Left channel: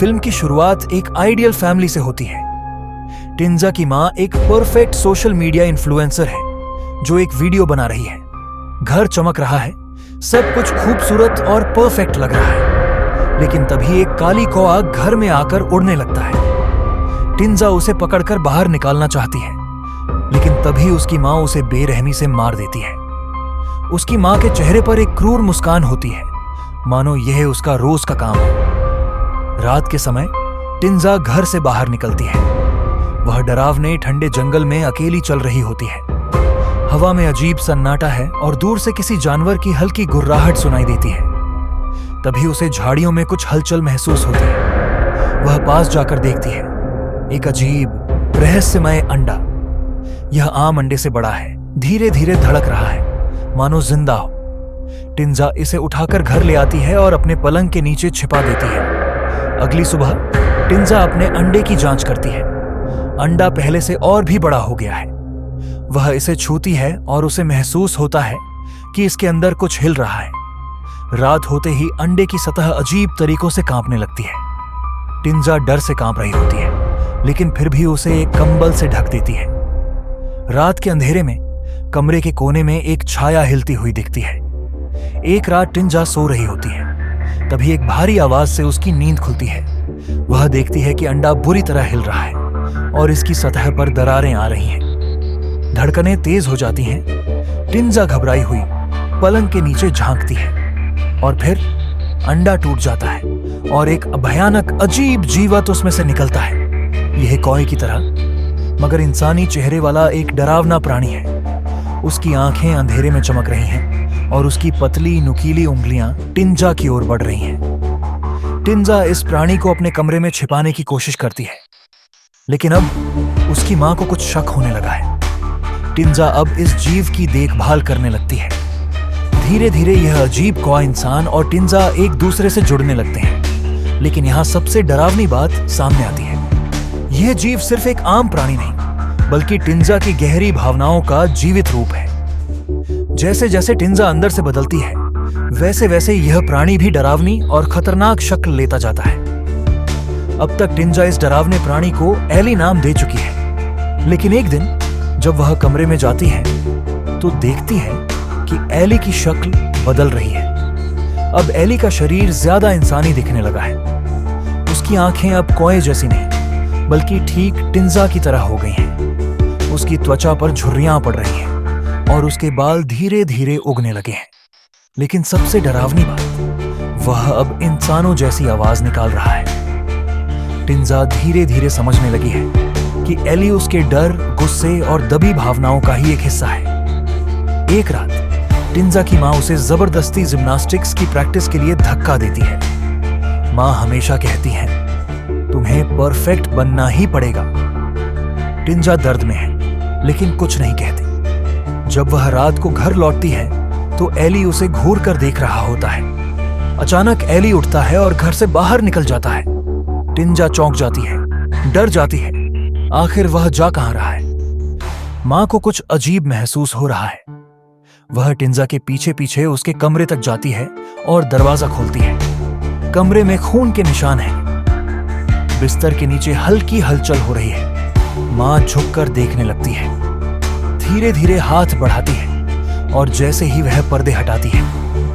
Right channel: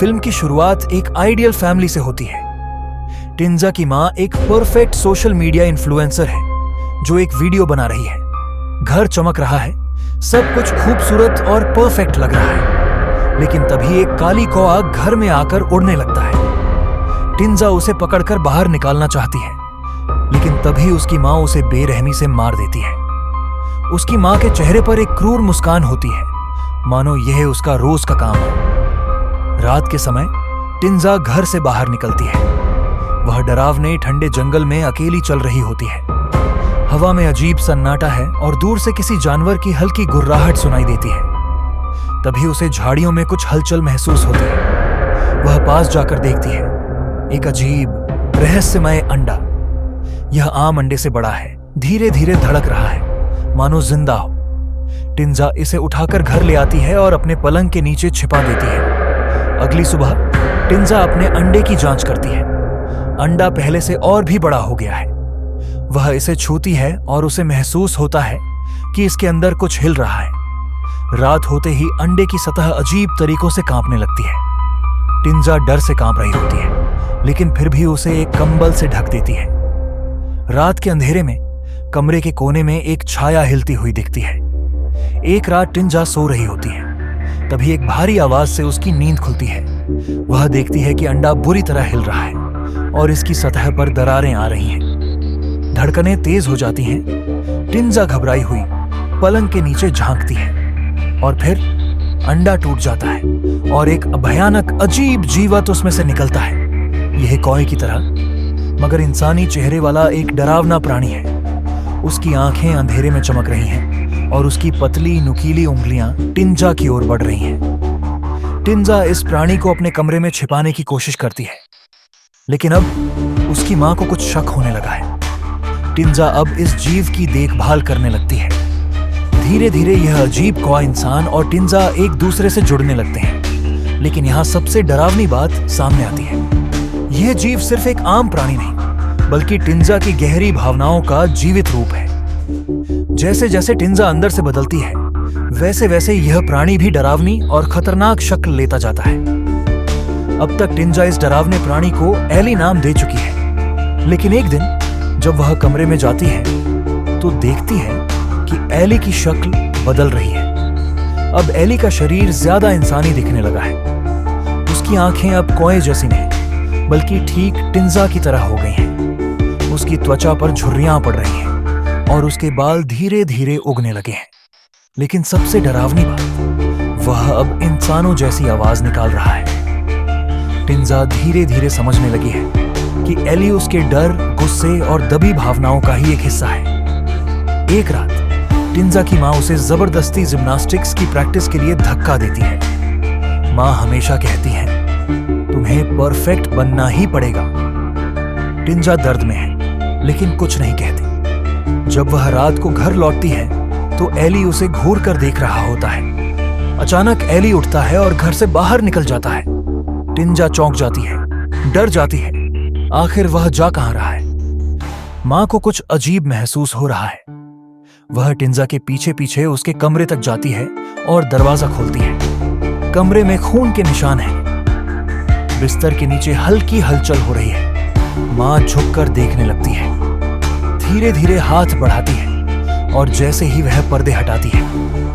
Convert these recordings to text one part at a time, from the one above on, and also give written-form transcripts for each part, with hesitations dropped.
Film की शुरुआत एक आइडियल फैमिली से होती है। टिंजा की माँ एक परफेक्ट सोशल मीडिया इन्फ्लुएंसर है जो एक वीडियो बना रही है। घर चमक रहा है, सब कुछ खूबसूरत और परफेक्ट लग रहा है, लेकिन तभी एक काली कौआ घर में आकर उड़ने लगता है। टिंजा उसे पकड़कर बाहर निकालना चाहती है, लेकिन तभी उसकी माँ उसे बेरहमी से मार देती है। उसकी माँ के चेहरे पर एक क्रूर मुस्कान होती है, मानो यह उसका रोज का काम हो। रात के समय टिंजा घर से बाहर निकलती है। वह डरावने ठंडे जंगल में अकेली चल रही होती है। हवा में अजीब सन्नाटा है और दूर से किसी जानवर की हल्की गुर्राहट सुनाई देती है। तभी उसे झाड़ियों में कुछ हलचल महसूस होती है। वह पास जाकर देखती है, एक अजीब रहस्यमय अंडा। यह आम अंडे से बड़ा है, धीरे धीरे धड़क रहा है, मानो जिंदा हो। टिंजा इसे उठाकर घर ले आती है और अपने पलंग के नीचे छिपा देती है। अगली सुबह टिंजा अपने अंडे की जांच करती है। अंडा पहले से और भी बड़ा हो गया है। वह इसे छूती है और उसे महसूस होता है कि इसके अंदर कुछ हिल रहा है। रात होते ही अंडे की सतह अजीब तरीकों से कांपने लगती है। टिंजा डर से कांप रही होती है, लेकिन फिर भी उसे एक कंबल से ढक देती है। रात के अंधेरे में कमरे के कोने में एक छाया हिलती हुई दिखती है। एक रात टिंजा सो रही होती है, तभी एक भारी आवाज से उसकी नींद खुलती है। वह देखती है कि अंडा बुरी तरह हिल रहा है और इसकी सतह पर दरारें आ रही हैं। धड़कनें तेज हो जाती हैं। टिंजा घबराई हुई पलंग के नीचे झांकती है और फिर अंडा टूट जाता है और एक भयानक अजीब जीवत उसमें से निकलता है। यह कौए की तरह मगर इंसानी चेहरे वाला एक डरावना प्राणी है। उसकी आंखें अंधेरे में चमक रही हैं और उसकी पतली नुकीली उंगलियां टिंजा की ओर बढ़ रही हैं। टिंजा इस प्राणी को अपने कमरे में छिपाने की कोशिश करती है, लेकिन अब उसकी मां को कुछ शक होने लगा है। टिंजा अब इस जीव की देखभाल करने लगती है। धीरे धीरे यह अजीब कौआ इंसान और टिंजा एक दूसरे से जुड़ने लगते हैं, लेकिन यहां सबसे डरावनी बात सामने आती है। यह जीव सिर्फ एक आम प्राणी नहीं, बल्कि टिंजा की गहरी भावनाओं का जीवित रूप है। जैसे जैसे टिंजा अंदर से बदलती है, वैसे वैसे यह प्राणी भी डरावनी और खतरनाक शक्ल लेता जाता है। अब तक टिंजा इस डरावने प्राणी को एली नाम दे चुकी है, लेकिन एक दिन जब वह कमरे में जाती है तो देखती है कि एली की शक्ल बदल रही है। अब एली का शरीर ज्यादा इंसानी दिखने लगा है। उसकी आंखें अब कौए जैसी नहीं, बल्कि ठीक टिंजा की तरह हो गई हैं। उसकी त्वचा पर झुर्रियां पड़ रही हैं और उसके बाल धीरे धीरे उगने लगे हैं। लेकिन सबसे डरावनी बात, वह अब इंसानों जैसी आवाज निकाल रहा है। टिंजा धीरे धीरे समझने लगी है कि एली उसके डर, गुस्से और दबी भावनाओं का ही एक हिस्सा है। एक रात टिंजा की माँ उसे जबरदस्ती जिम्नास्टिक्स की प्रैक्टिस के लिए धक्का देती है। माँ हमेशा कहती है, तुम्हें परफेक्ट बनना ही पड़ेगा। टिंजा दर्द में है, लेकिन कुछ नहीं कहती। जब वह रात को घर लौटती है तो एली उसे घूर कर देख रहा होता है। अचानक एली उठता है और घर से बाहर निकल जाता है। टिंजा चौंक जाती है, डर जाती है। आखिर वह जा कहां रहा है? मां को कुछ अजीब महसूस हो रहा है। वह टिंजा के पीछे पीछे उसके कमरे तक जाती है और दरवाजा खोलती है। कमरे में खून के निशान हैं। बिस्तर के नीचे हल्की हलचल हो रही है। मां झुककर देखने लगती है, धीरे धीरे हाथ बढ़ाती है और जैसे ही वह पर्दे हटाती है,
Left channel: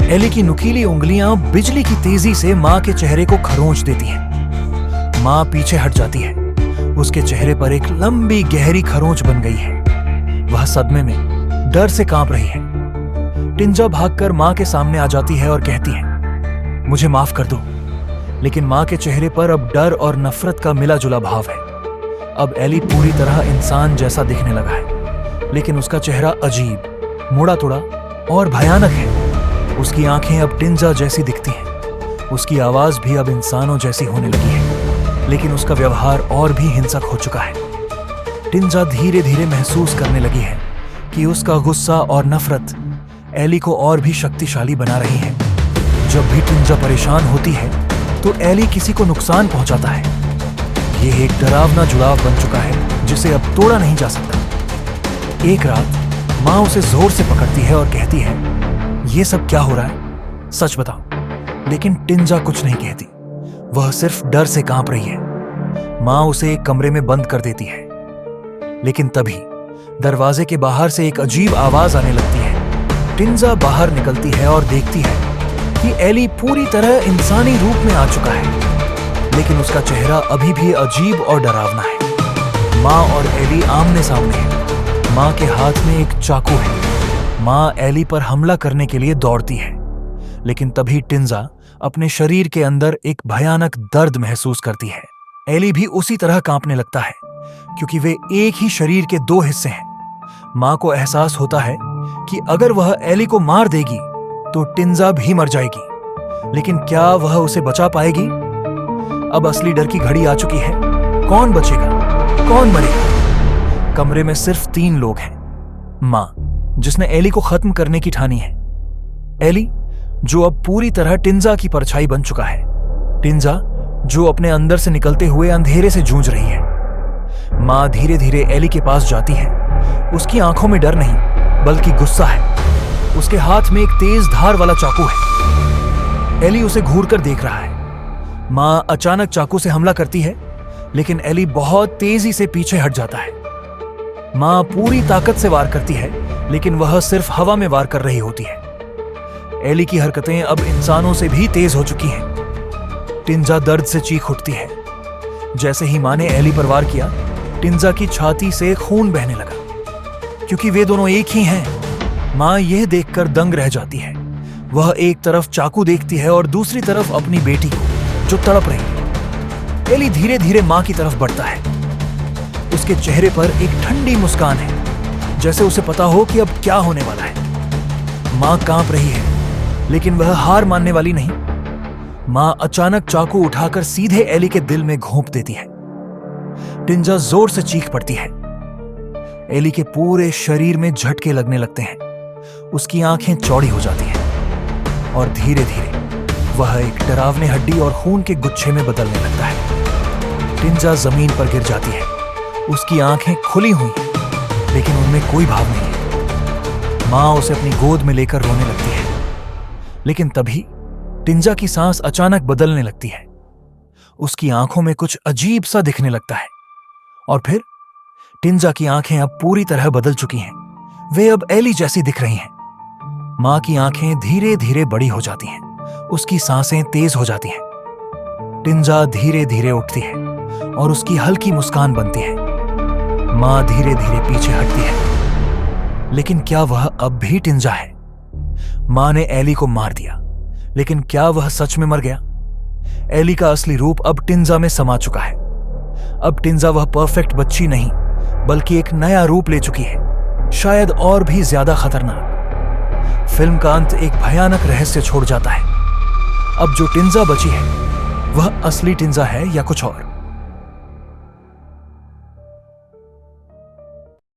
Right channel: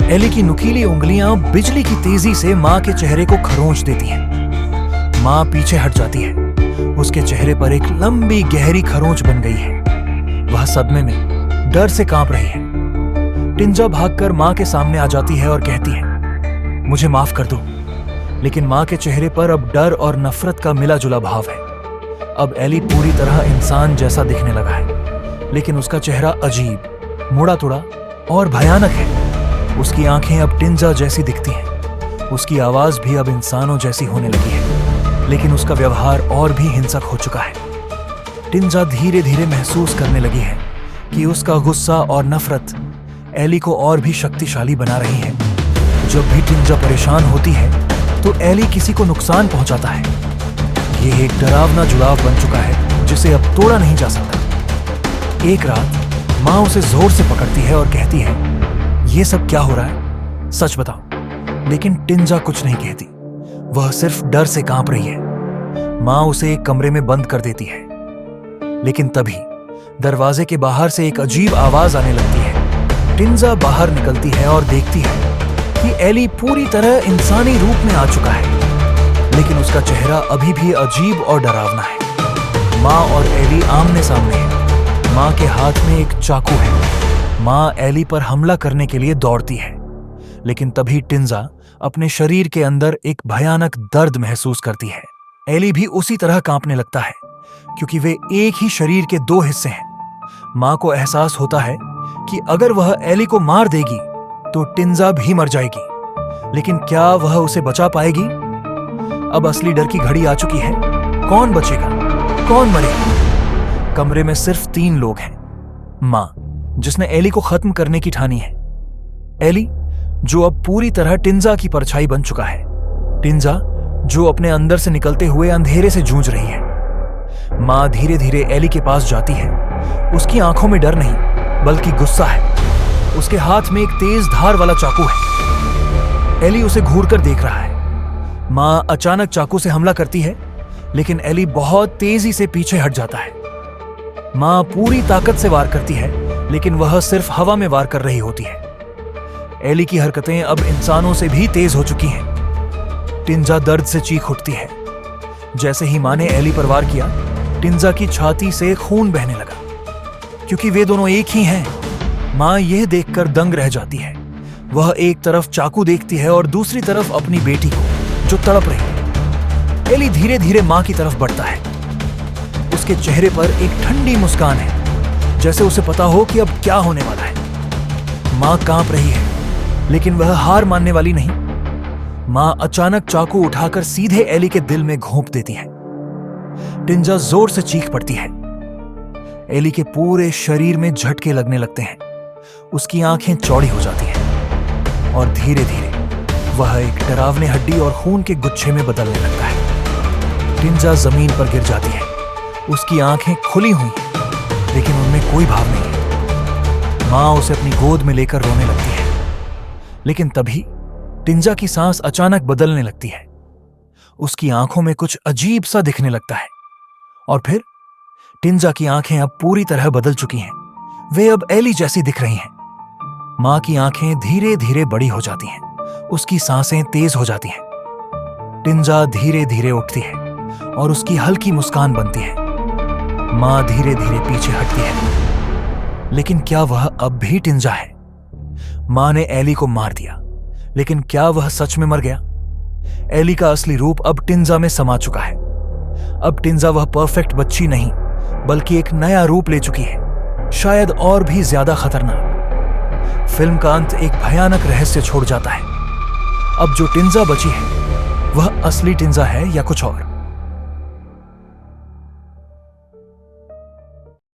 एली की नुकीली उंगलियां बिजली की तेजी से मां के चेहरे को खरोंच देती हैं। मां पीछे हट जाती है। उसके चेहरे पर एक लंबी गहरी खरोंच बन गई है। वह सदमे में डर से कांप रही है। टिंजा भागकर मां के सामने आ जाती है और कहती है, मुझे माफ कर दो। लेकिन मां के चेहरे पर अब डर और नफरत का मिला जुला भाव है। अब एली पूरी तरह इंसान जैसा दिखने लगा है, लेकिन उसका चेहरा अजीब, मुड़ा तुड़ा और भयानक है। उसकी आंखें अब टिंजा जैसी दिखती हैं। उसकी आवाज भी अब इंसानों जैसी होने लगी है, लेकिन उसका व्यवहार और भी हिंसक हो चुका है। टिंजा धीरे धीरे महसूस करने लगी है कि उसका गुस्सा और नफरत एली को और भी शक्तिशाली बना रही है। जब भी टिंजा परेशान होती है तो एली किसी को नुकसान पहुंचाता है। यह एक डरावना जुड़ाव बन चुका है जिसे अब तोड़ा नहीं जा सकता। एक रात मां उसे जोर से पकड़ती है और कहती है, ये सब क्या हो रहा है? सच बताओ। लेकिन टिंजा कुछ नहीं कहती। वह सिर्फ डर से कांप रही है। मां उसे एक कमरे में बंद कर देती है, लेकिन तभी दरवाजे के बाहर से एक अजीब आवाज आने लगती है। टिंजा बाहर निकलती है और देखती है कि एली पूरी तरह इंसानी रूप में आ चुका है, लेकिन उसका चेहरा अभी भी अजीब और डरावना है। मां और एली आमने सामने हैं। मां के हाथ में एक चाकू है। मां एली पर हमला करने के लिए दौड़ती है, लेकिन तभी टिंजा अपने शरीर के अंदर एक भयानक दर्द महसूस करती है। एली भी उसी तरह कांपने लगता है, क्योंकि वे एक ही शरीर के दो हिस्से हैं। मां को एहसास होता है कि अगर वह एली को मार देगी तो टिंजा भी मर जाएगी, लेकिन क्या वह उसे बचा पाएगी? अब असली डर की घड़ी आ चुकी है। कौन बचेगा, कौन मरेगा? कमरे में सिर्फ 3 लोग हैं। मां, जिसने एली को खत्म करने की ठानी है। एली, जो अब पूरी तरह टिंजा की परछाई बन चुका है। टिंजा, जो अपने अंदर से निकलते हुए अंधेरे से जूझ रही है। मां धीरे धीरे एली के पास जाती है। उसकी आंखों में डर नहीं, बल्कि गुस्सा है। उसके हाथ में एक तेज धार वाला चाकू है। एली उसे घूर कर देख रहा है। मां अचानक चाकू से हमला करती है, लेकिन एली बहुत तेजी से पीछे हट जाता है। मां पूरी ताकत से वार करती है, लेकिन वह सिर्फ हवा में वार कर रही होती है। एली की हरकतें अब इंसानों से भी तेज हो चुकी हैं। टिंजा दर्द से चीख उठती है। जैसे ही मां ने एली पर वार किया, टिंजा की छाती से खून बहने लगा, क्योंकि वे दोनों एक ही हैं। मां यह देखकर दंग रह जाती है। वह एक तरफ चाकू देखती है और दूसरी तरफ अपनी बेटी को, जो तड़प रही है। एली धीरे धीरे मां की तरफ बढ़ता है। उसके चेहरे पर एक ठंडी मुस्कान है, जैसे उसे पता हो कि अब क्या होने वाला है। मां कांप रही है, लेकिन वह हार मानने वाली नहीं। मां अचानक चाकू उठाकर सीधे एली के दिल में घोंप देती है। टिंजा जोर से चीख पड़ती है। एली के पूरे शरीर में झटके लगने लगते हैं। उसकी आंखें चौड़ी हो जाती हैं और धीरे धीरे वह एक डरावने हड्डी और खून के गुच्छे में बदलने लगता है। टिंजा जमीन पर गिर जाती है। उसकी आंखें खुली हुई हैं, लेकिन उनमें कोई भाव नहीं है। मां उसे अपनी गोद में लेकर रोने लगती है, लेकिन तभी टिंजा की सांस अचानक बदलने लगती है। उसकी आंखों में कुछ अजीब सा दिखने लगता है, और फिर टिंजा की आंखें अब पूरी तरह बदल चुकी हैं। वे अब एली जैसी दिख रही हैं। मां की आंखें धीरे धीरे बड़ी हो जाती हैं। उसकी सांसें तेज हो जाती हैं। टिंजा धीरे धीरे उठती है और उसकी हल्की मुस्कान बनती है। मां धीरे धीरे पीछे हटती है, लेकिन क्या वह अब भी टिंजा है? मां ने एली को मार दिया, लेकिन क्या वह सच में मर गया? एली का असली रूप अब टिंजा में समा चुका है। अब टिंजा वह परफेक्ट बच्ची नहीं, बल्कि एक नया रूप ले चुकी है, शायद और भी ज्यादा खतरनाक। फिल्म का अंत एक भयानक रहस्य छोड़ जाता है। अब जो टिंजा बची है, वह असली टिंजा है या कुछ और?